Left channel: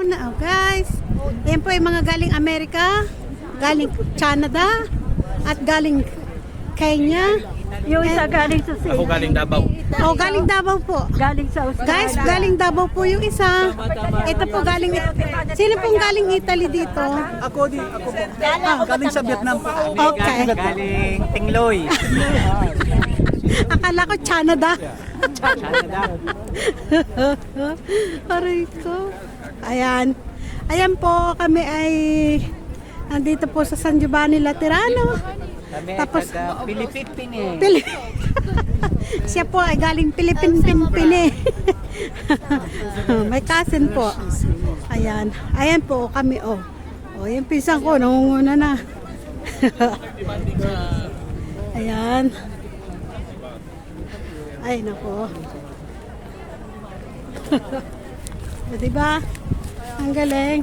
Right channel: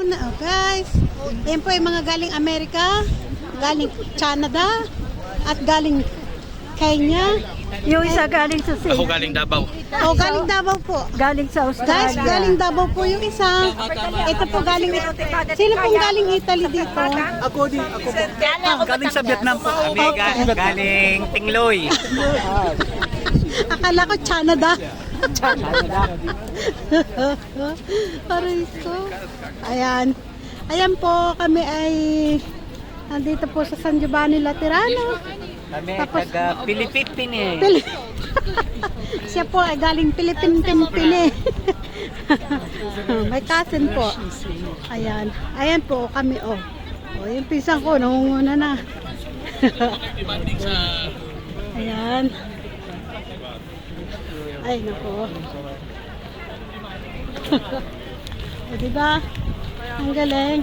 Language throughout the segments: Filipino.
Oh, guys, yan po yung mga galing Amerika, galing Canada, at galing Kenya. Yung isa galing sa Ako galing Davao. Oh, galing Davao po. Galing sa Guys, Australia. galing Davao po yung isa. Ito po galing... Sino pong galing Italy dito? Galing sa Vietnam po. Okay. Galing Tingloy. Akala ko Canada. Aray ko. Ayan. Ayan po, kami ay andito po sa San Giovanni Laterano. Kami Tapos, taga Pilipipin siya po ay galing Pilipin-Pimpin. May cousin po. Ayan. Ayan po kami, oh. Oh, yung pisang ko, nangunguna na. Ayan. Ay, nako. O, diba? Ang galing.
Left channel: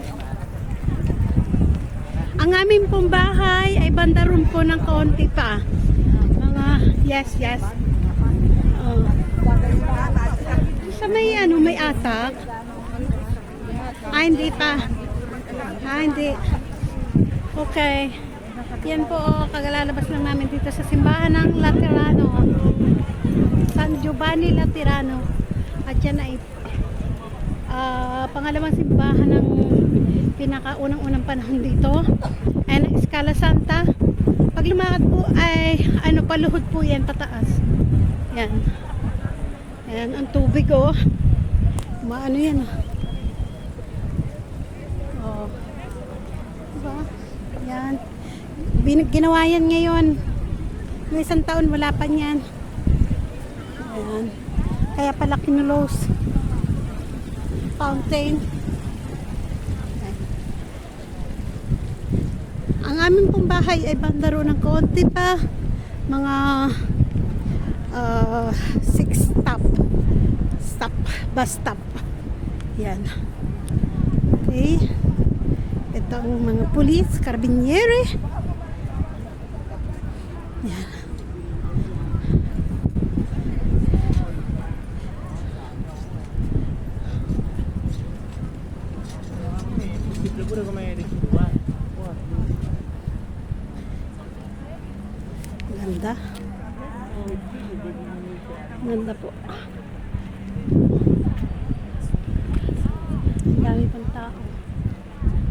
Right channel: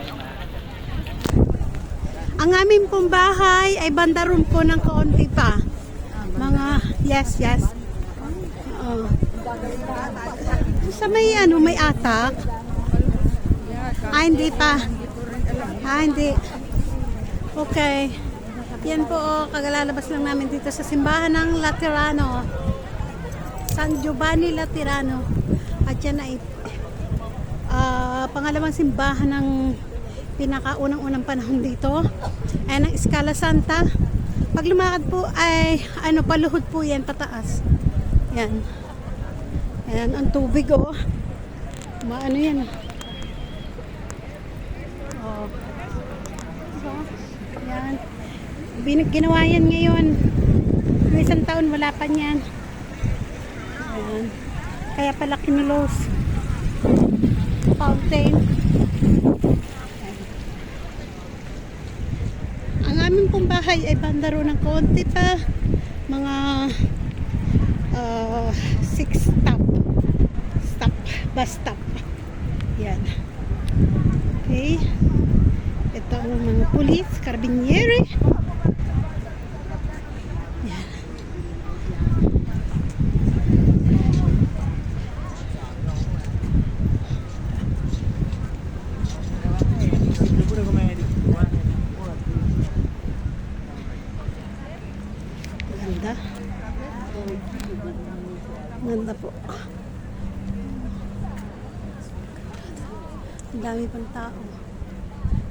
Ang aming pong bahay ay bandaron po ng kaunti pa. Mga, yes. Oh. Sa may ano, may atak. Hindi pa. Hindi. Okay. Yan po, kagalalabas lang namin dito sa simbahan ng Laterano. San Giovanni Laterano. At yan ay pangalawang simbahan ng pinakaunang-unang panahon dito. Ayan ang Escala Santa. Pag lumakad po ay ano, paluhod po yan pataas. Yan. Ayan ang tubig, oh. Maano yan, oh. Diba? Yan. Ginawa yan ngayon. Noong isang taon wala pa niyan. Ayan. Kaya pala kinulos. Fountain. Ang aming pong bahay ay bandaro ng konti pa. Mga 6 bus stop. Yan. Okay. Ito ang mga pulis, karabinieri. Yan. Ganda. Ganda po. Ang dami pang tao.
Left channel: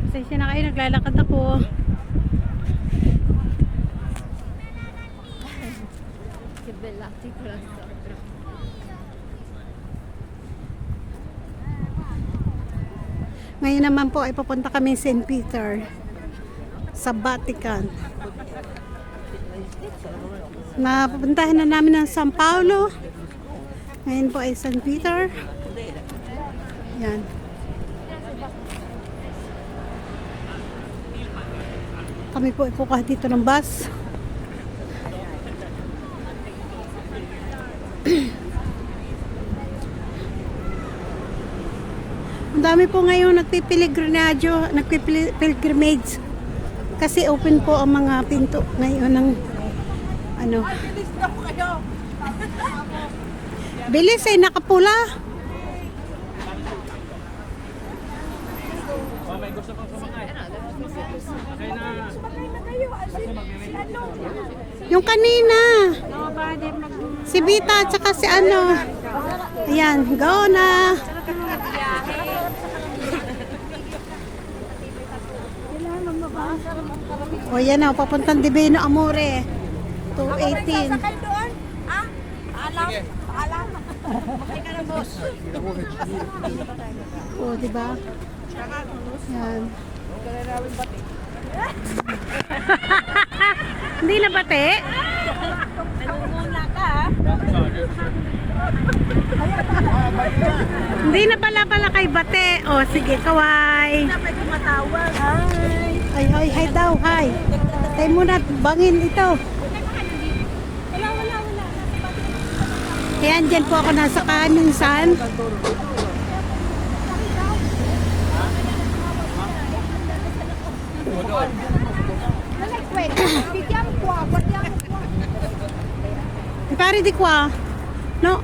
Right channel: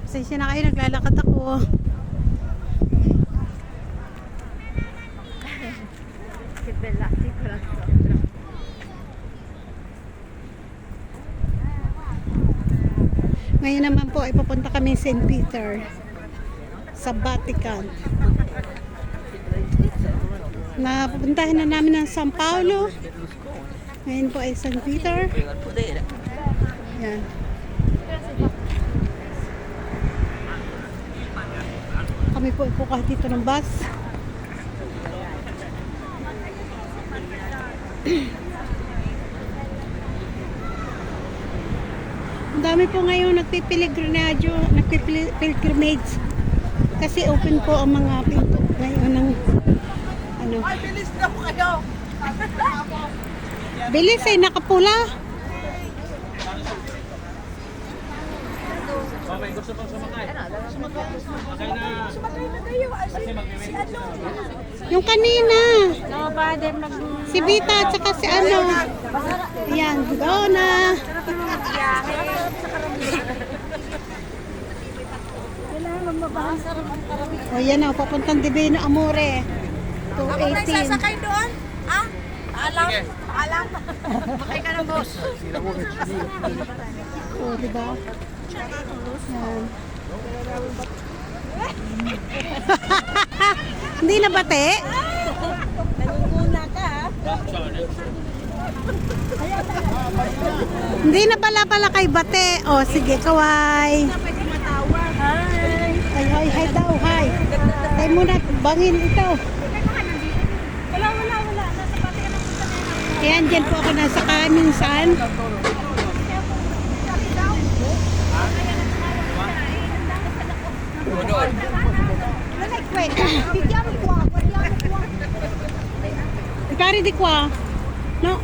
Pasensya na kayo, naglalakad ako. Ngayon naman po ay pupunta kami sa St. Peter sa Vatican. Mapupuntahan na namin ng San Paulo. Ngayon po ay St. Peter. Yan. Kami po ipukuha dito ng bus. Ang dami po ngayon nagpipilgrimage kasi open po ang mga pinto ngayon ng ano. Bilis na po kayo. Bilis ay nakapula. Okay, gusto kong sumakay. Sumakay na. Yung kanina. Si Vita at saka si ano. Ayan, go na. O yan na, papuntang Divino Amore. 218. Sasakay doon? Ah? Alam? Bakay ka na, boss. O, diba? Yan. Hindi na bate? Naguguna ka, ha? Hindi na pala kay bate. O, sige, kaway. Pwede matawag. Hi. Hi daw, hi. Tayo muna, bangin ito. Wala. Nasa pati ka na. Ayan, dyan po ako nasa Kaminsan. Pare di kwa. No.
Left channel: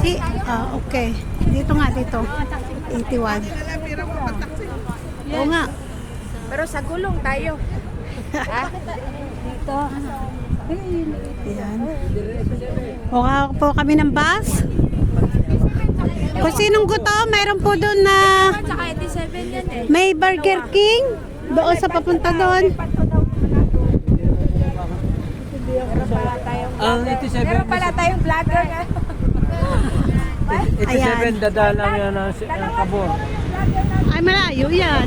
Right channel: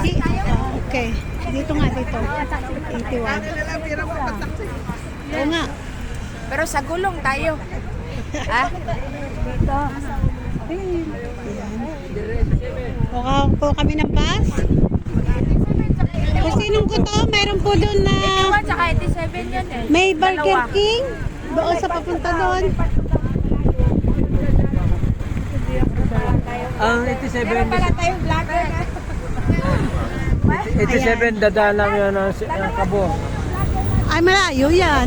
Okay. Dito nga, dito. 81. Oo nga. Pero sa gulong tayo. Ha? Ayan. Mukha po kami ng bus. Kung sinong gusto, mayroon po doon na 81 tsaka 87 yan eh. may Burger King. Doon sa papunta doon. Ang 87, Wala tayong vlogger. 87 dadalang yan ng Cabo. Ay, malayo yan.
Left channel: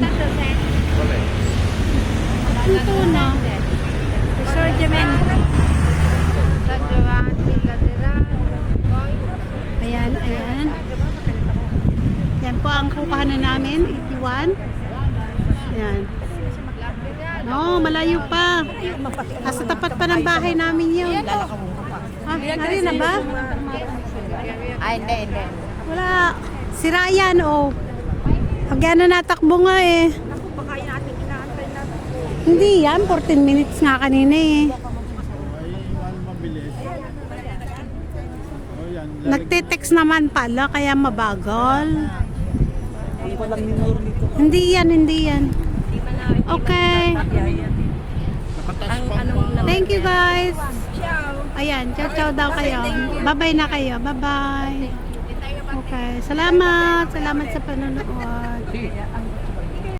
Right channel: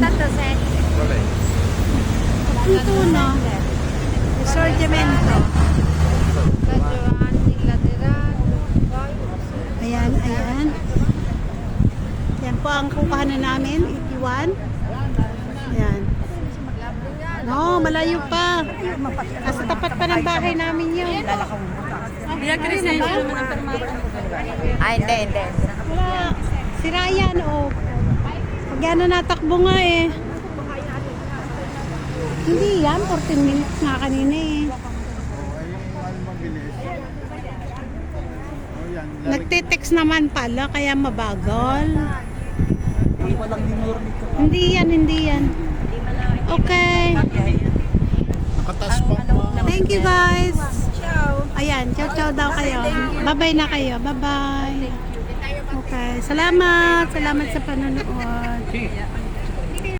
Ito na. Resorgimento. Ayan, ayan. Yan po ang kukuhanan namin. 81. Ayan. No, malayo pa. Nasa tapat pa ng bahay namin yun. Oh, ano na ba? Ay, hindi. Wala. Sira yan, oh. Pag yan na natakbo nga eh. Hindi yan, 14 minutes nga kanina eh. Nagtitext naman pala, kaya mabagal. Hindi yan, hindi yan. Okay. Thank you guys. Ayan, ciao daw kayo. Bye-bye na kayo. Bye-bye. Okay. Salamat. Salamat sa panonood.